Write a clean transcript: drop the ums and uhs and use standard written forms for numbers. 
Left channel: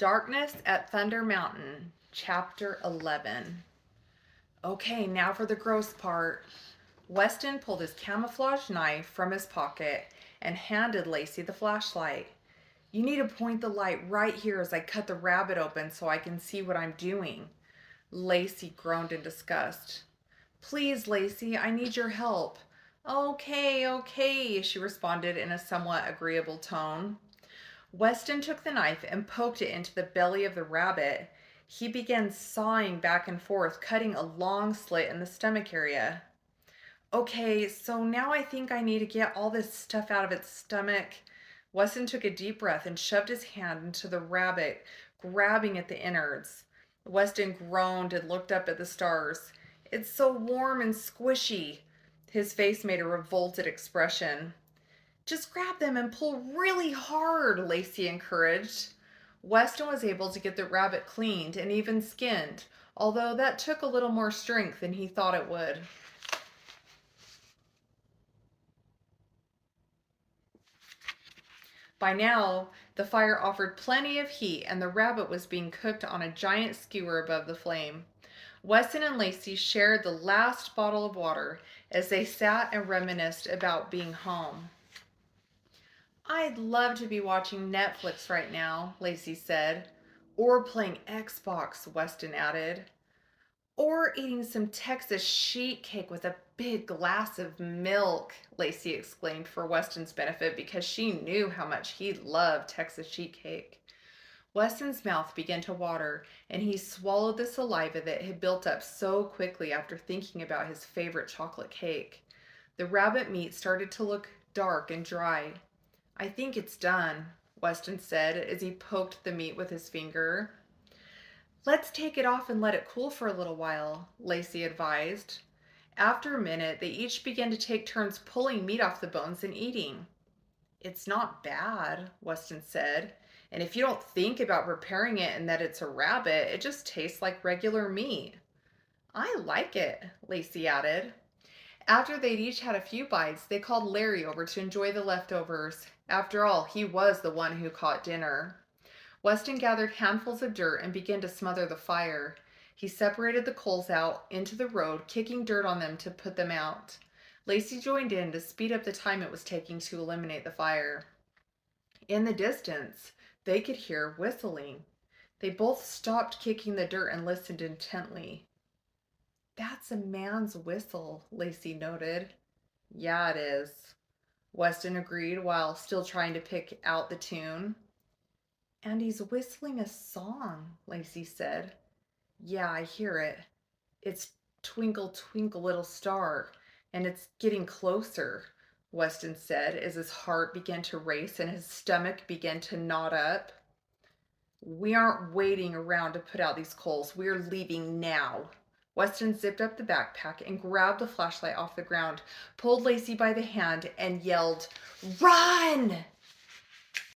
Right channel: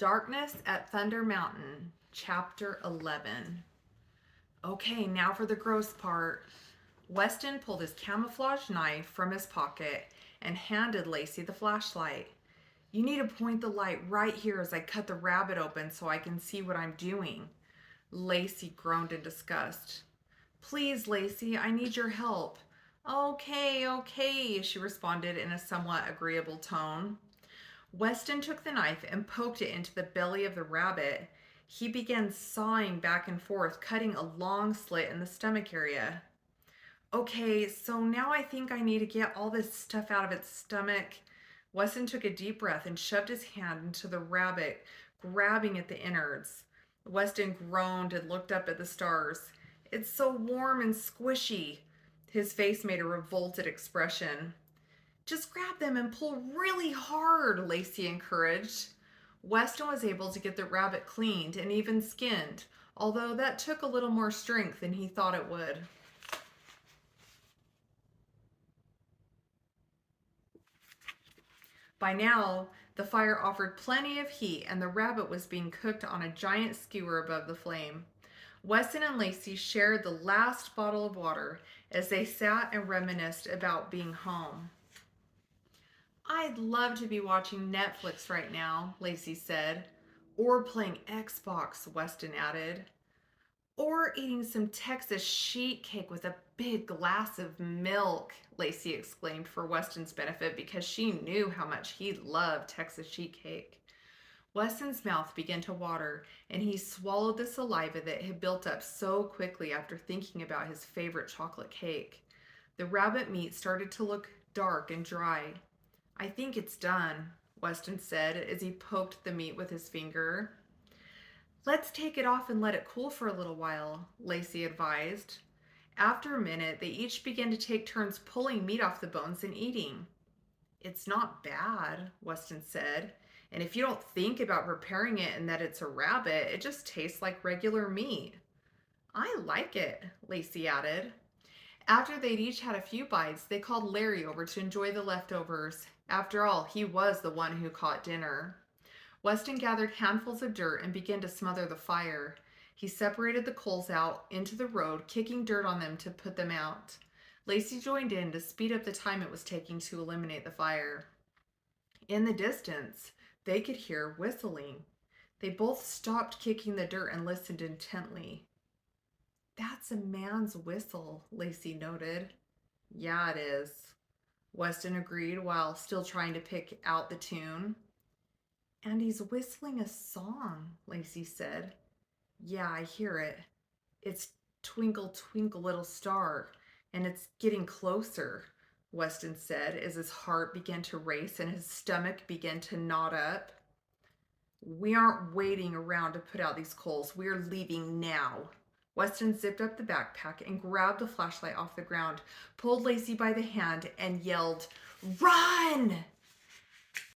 Darkness at Thunder Mountain, Chapter 11. Okay, now for the gross part. Weston pulled his camouflage knife from his pocket and handed Lacey the flashlight. You need to point the light right here as I cut the rabbit open so I can see what I'm doing. Lacey groaned in disgust. Please, Lacey, I need your help. Okay, she responded in a somewhat agreeable tone. Weston took the knife and poked it into the belly of the rabbit. He began sawing back and forth, cutting a long slit in the stomach area. Okay, so now I think I need to get all this stuff out of its stomach. Weston took a deep breath and shoved his hand into the rabbit, grabbing at the innards. Weston groaned and looked up at the stars. It's so warm and squishy. His face made a revolted expression. Just grab them and pull really hard, Lacey encouraged. Weston was able to get the rabbit cleaned and even skinned, although that took a little more strength than he thought it would. By now, the fire offered plenty of heat and the rabbit was being cooked on a giant skewer above the flame. Weston and Lacey shared the last bottle of water as they sat and reminisced about being home. I'd love to be watching Netflix right now, Lacey said. Or playing Xbox, Weston added. Or eating some Texas sheet cake with a big glass of milk, Lacey exclaimed for Weston's benefit because she knew how much he loved Texas sheet cake. Weston's mouth began to water, and he swallowed the saliva that had built up so quickly after thinking about his favorite chocolate cake. The rabbit meat started to look dark and dry. I think it's done, Weston said as he poked the meat with his finger. Let's take it off and let it cool for a little while, Lacey advised. After a minute, they each began to take turns pulling meat off the bones and eating. It's not bad, Weston said, and if you don't think about preparing it and that it's a rabbit, it just tastes like regular meat. I like it, Lacey added. After they'd each had a few bites, they called Larry over to enjoy the leftovers. After all, he was the one who caught dinner. Weston gathered handfuls of dirt and began to smother the fire. He separated the coals out into the road, kicking dirt on them to put them out. Lacey joined in to speed up the time it was taking to eliminate the fire. In the distance, they could hear whistling. They both stopped kicking the dirt and listened intently. That's a man's whistle, Lacey noted. Yeah, it is, Weston agreed while still trying to pick out the tune. And he's whistling a song, Lacey said. Yeah, I hear it. It's Twinkle, Twinkle, Little Star, and it's getting closer, Weston said as his heart began to race and his stomach began to knot up. We aren't waiting around to put out these coals. We're leaving now. Weston zipped up the backpack and grabbed the flashlight off the ground, pulled Lacey by the hand, and yelled, Run!